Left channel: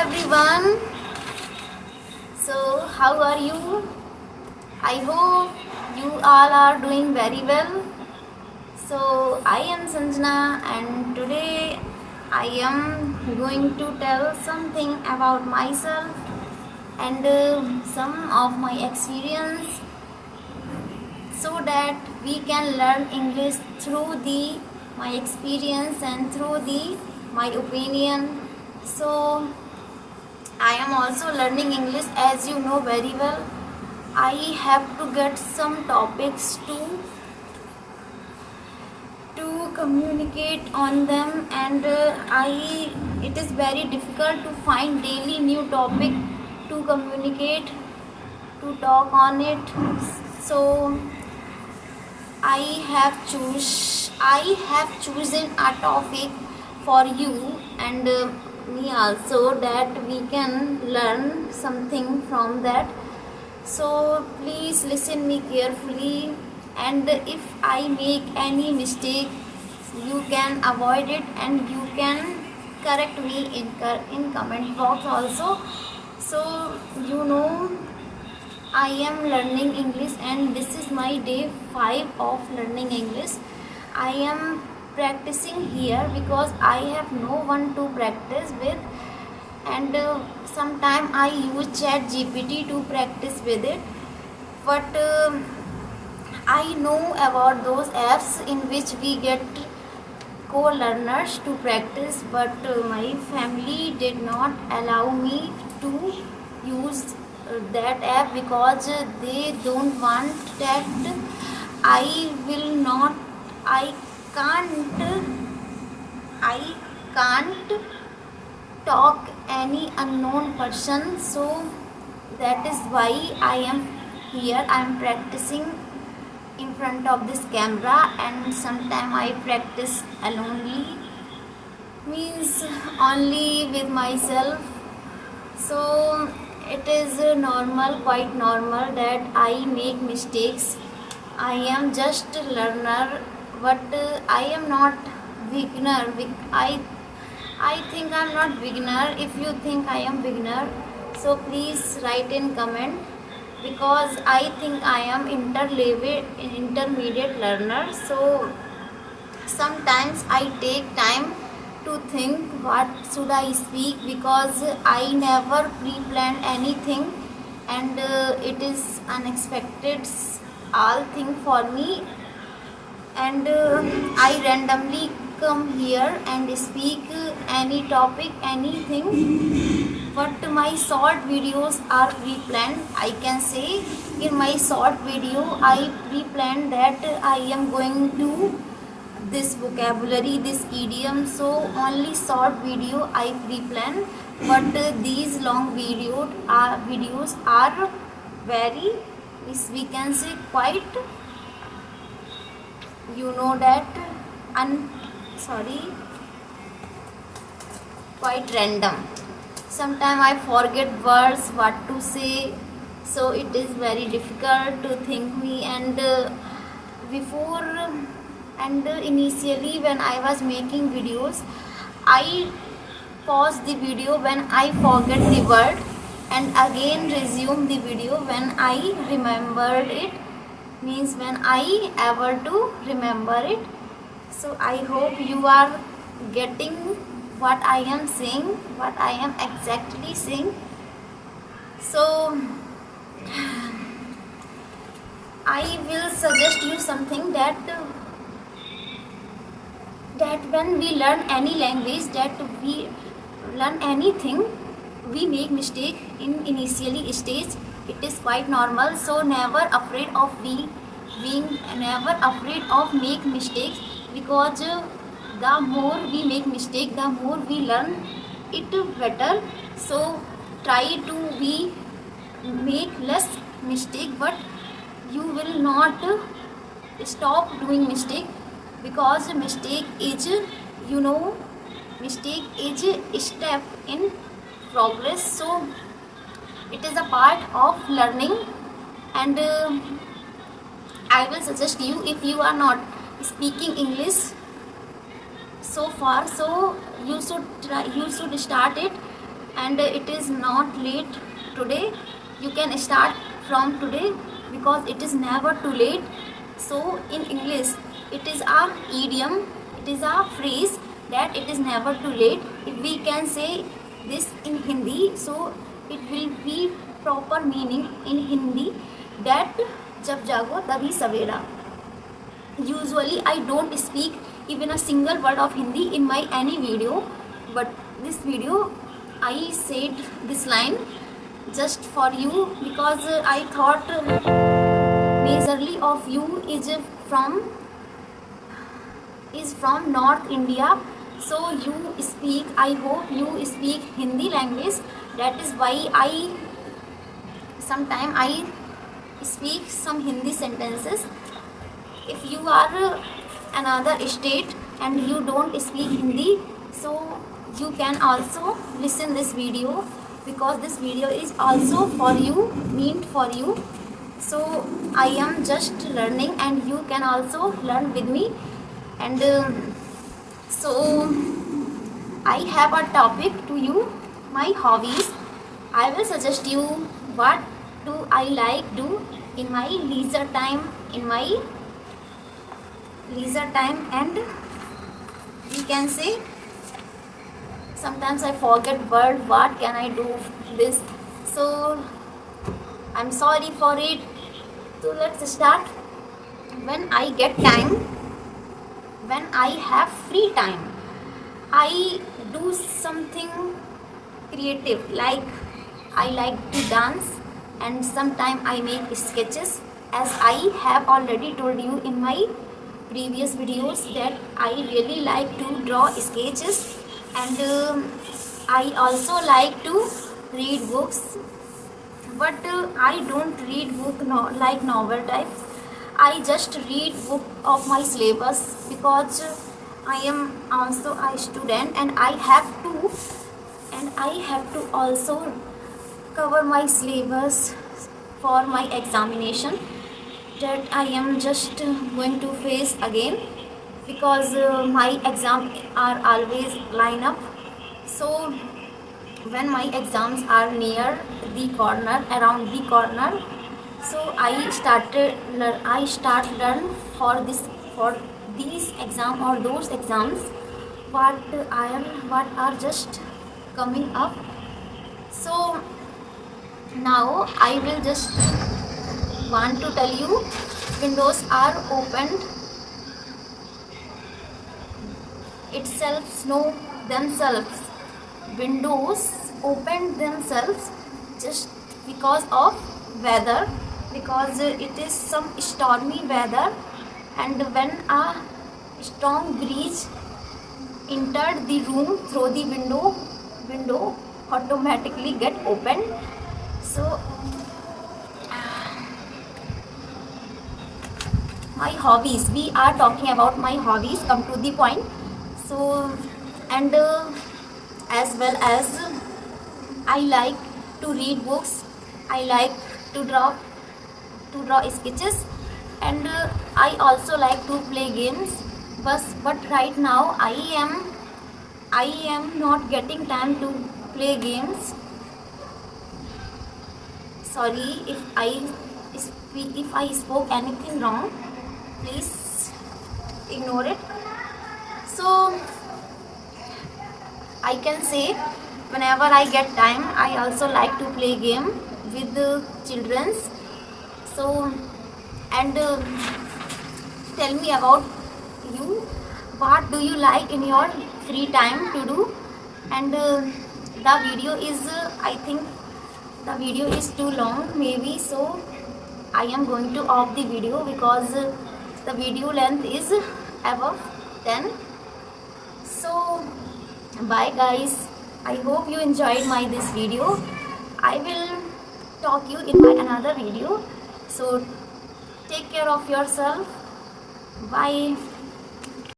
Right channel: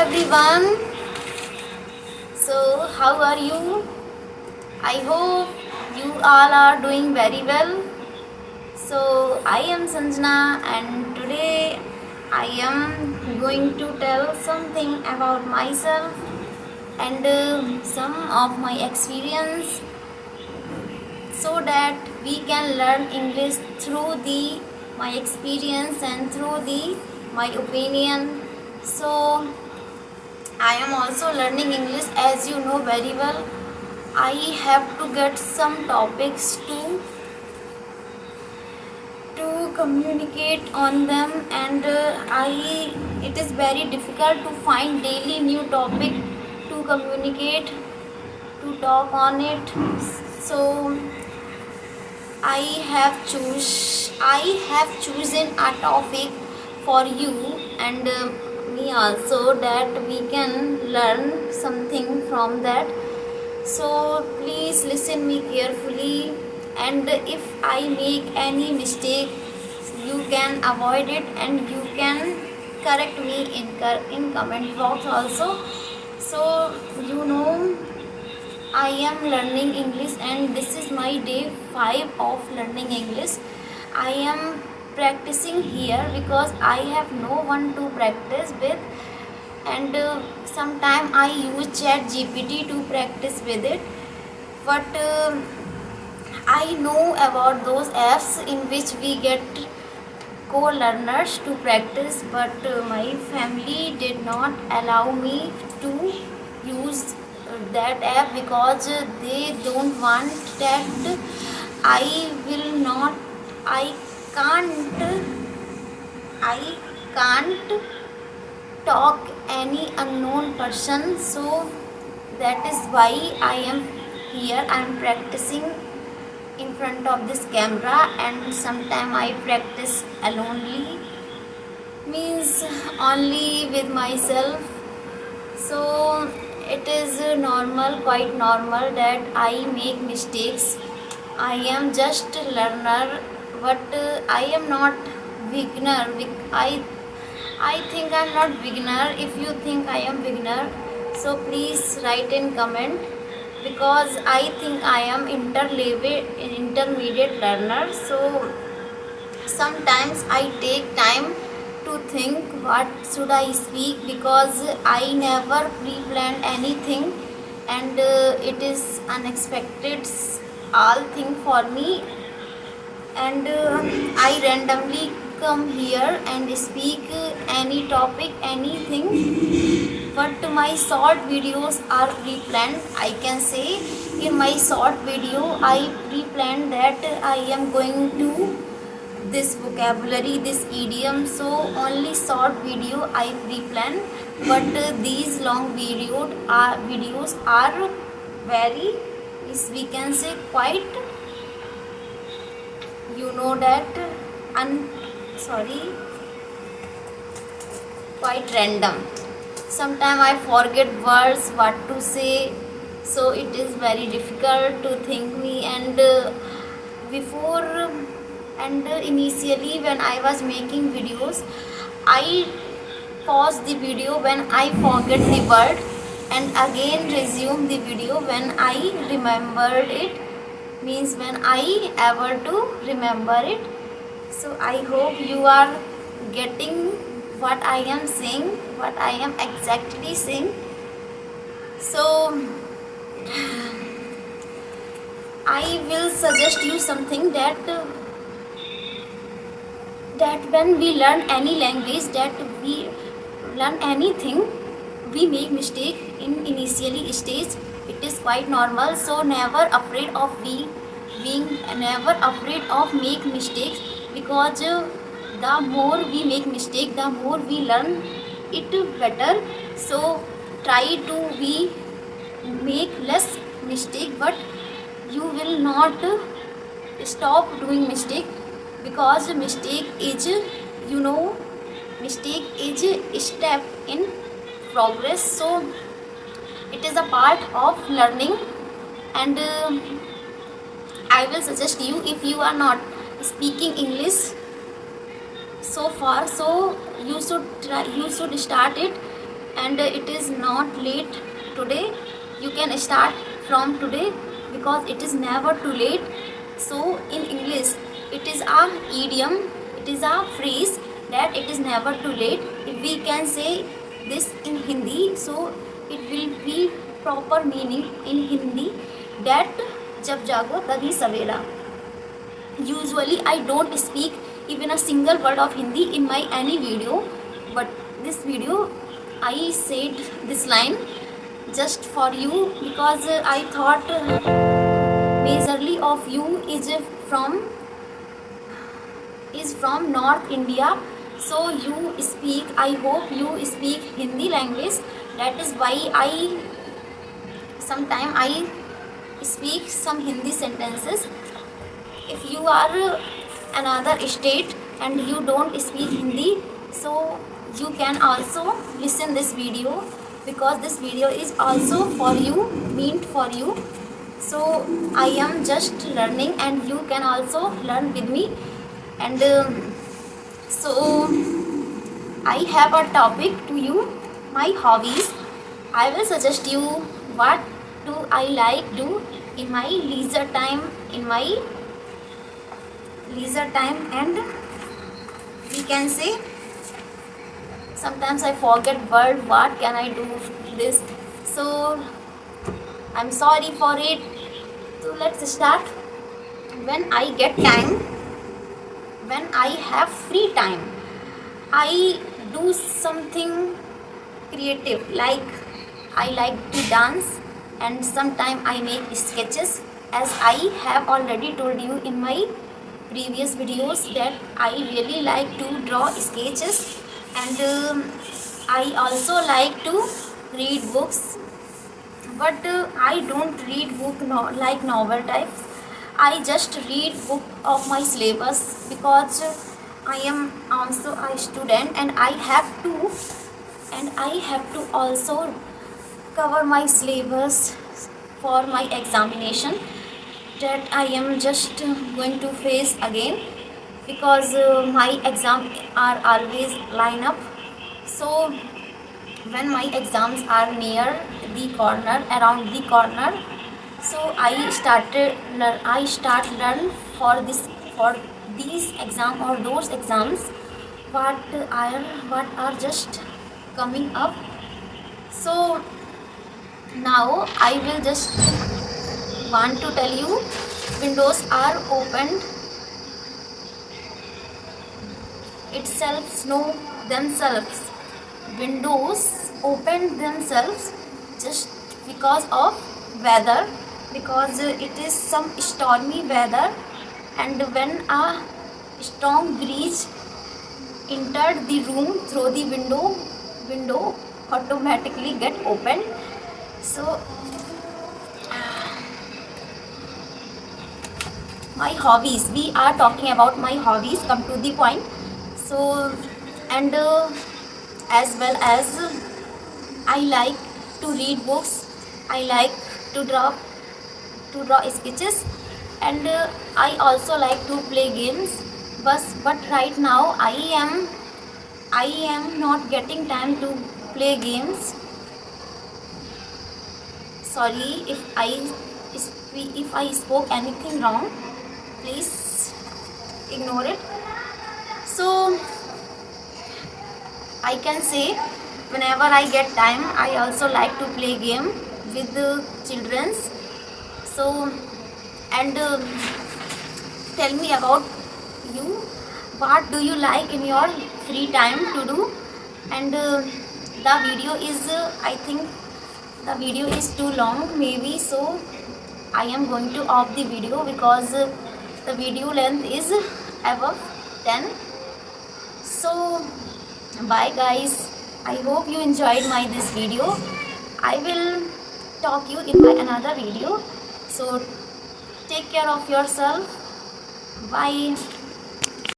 everyone. So, how are you? I hope you all are doing very well. So, I am Sanjana, and today I am going to tell something about myself and some of my experience so that we can learn English through the my experience and through the my opinion. So, I am also learning English, as you know very well. I have to get some topics to communicate on them, and it is very difficult to find daily new topic to communicate, to talk on it. So I have chosen a topic for you and me also, that we can learn something from that. So please listen me carefully, and if I make any mistake, you can avoid it and you can correct me in comment box also. So you know, I am learning English and this is my day 5 of learning English. I am practicing here because I have no one to practice with, and sometime I use ChatGPT to practice with it. But I know about those apps in which we get co-learners to practice, but my family did not allow me to use that app because they don't want that I will not I can't I can't talk any unknown person. So that is why I am here. I am practicing in front of this camera, and sometimes I practice alonely, means only with myself. So it is normal, quite normal, that I make mistakes. I am just learner, but I am not beginner. I think I am not beginner. If you think I am beginner, so please write in comment, because I think I am intermediate learner. So sometimes I take time to think what should I speak, because I never pre-planned anything, and it is unexpected all thing for me, and I randomly come here and speak any topic, anything. But my short videos are pre-planned. I can say in my short video I pre-planned that I am going to this vocabulary, this idiom. So only short video I pre-plan, but these long videos are very, we can say, quite, you know that, sorry, quite random. Sometimes I forget words, what to say, so it is very difficult to think me. And before and initially when I was making videos, I pause the video when I forget the word, and again resume the video when I remembered it, means when I ever to remember it. So I hope you are getting what I am saying, what I am exactly saying. So I will suggest you something, that when we learn any language, that we learn anything, we make mistake in initially stage. It is quite normal. So never afraid of being never afraid of make mistakes, because the more we make mistake, the more we learn it better. So try to be make less mistake, but you will not stop doing mistake, because mistake is, you know, mistake is a step in progress. So it is a part of learning, and I will suggest you, if you are not speaking English so far, so you should start it and it is not late today. You can start from today because it is never too late. So in English it is a idiom, it is a phrase that it is never too late. If we can say this in Hindi, so it will be proper meaning in Hindi that jab jago tabhi savera. Usually I don't speak even a single word of Hindi in my any video, but this video I said this line just for you because I thought majorly of you is from North India, so you speak, I hope you speak Hindi language. That is why I sometime I speak some Hindi sentences. If you are another state and you don't speak Hindi, so you can also listen this video because this video is also for you, meant for you. So I am just learning and you can also learn with me. And so I have a topic to you, my hobbies. I will suggest you what do I like do in my leisure time, and we can say sometimes I forget word, what can I do this, so I'm sorry for it. So let's start. When I get time, when I have free time, I do something creative, like I like to dance and sometimes I make sketches. As I have already told you in my previous videos that I really like to draw sketches, and I also like to read books, but I don't read book like novel type. I just read book of my syllabus because I am also a student and I have to also cover my syllabus for my examination that I am just going to face again, because my exams are always line up. So when my exams are near the corner, around the corner, so I start learn for these exam or those exams what are just coming up. So now I will just want to tell you, windows are opened itself, know themselves. Windows open themselves just because of weather, because it is some stormy weather, and when a strong breeze entered the room through the window automatically get opened. So my hobbies, we are talking about my hobbies, come to the point. So and as well as I like to read books, I like to draw sketches, and I also like to play games, but right now I am not getting time to play games. Sorry if I spoke anything wrong, please ignore it. So I can say whenever I get time, I also like to play game with the childrens. So and tell me about you, what do you like in your free time to do. And the video is I think the video is too long maybe, so I am going to off the video because the video length is above 10. So bye guys, I hope you enjoyed my this video. I will talk you in my another video, so take care of yourself. Bye.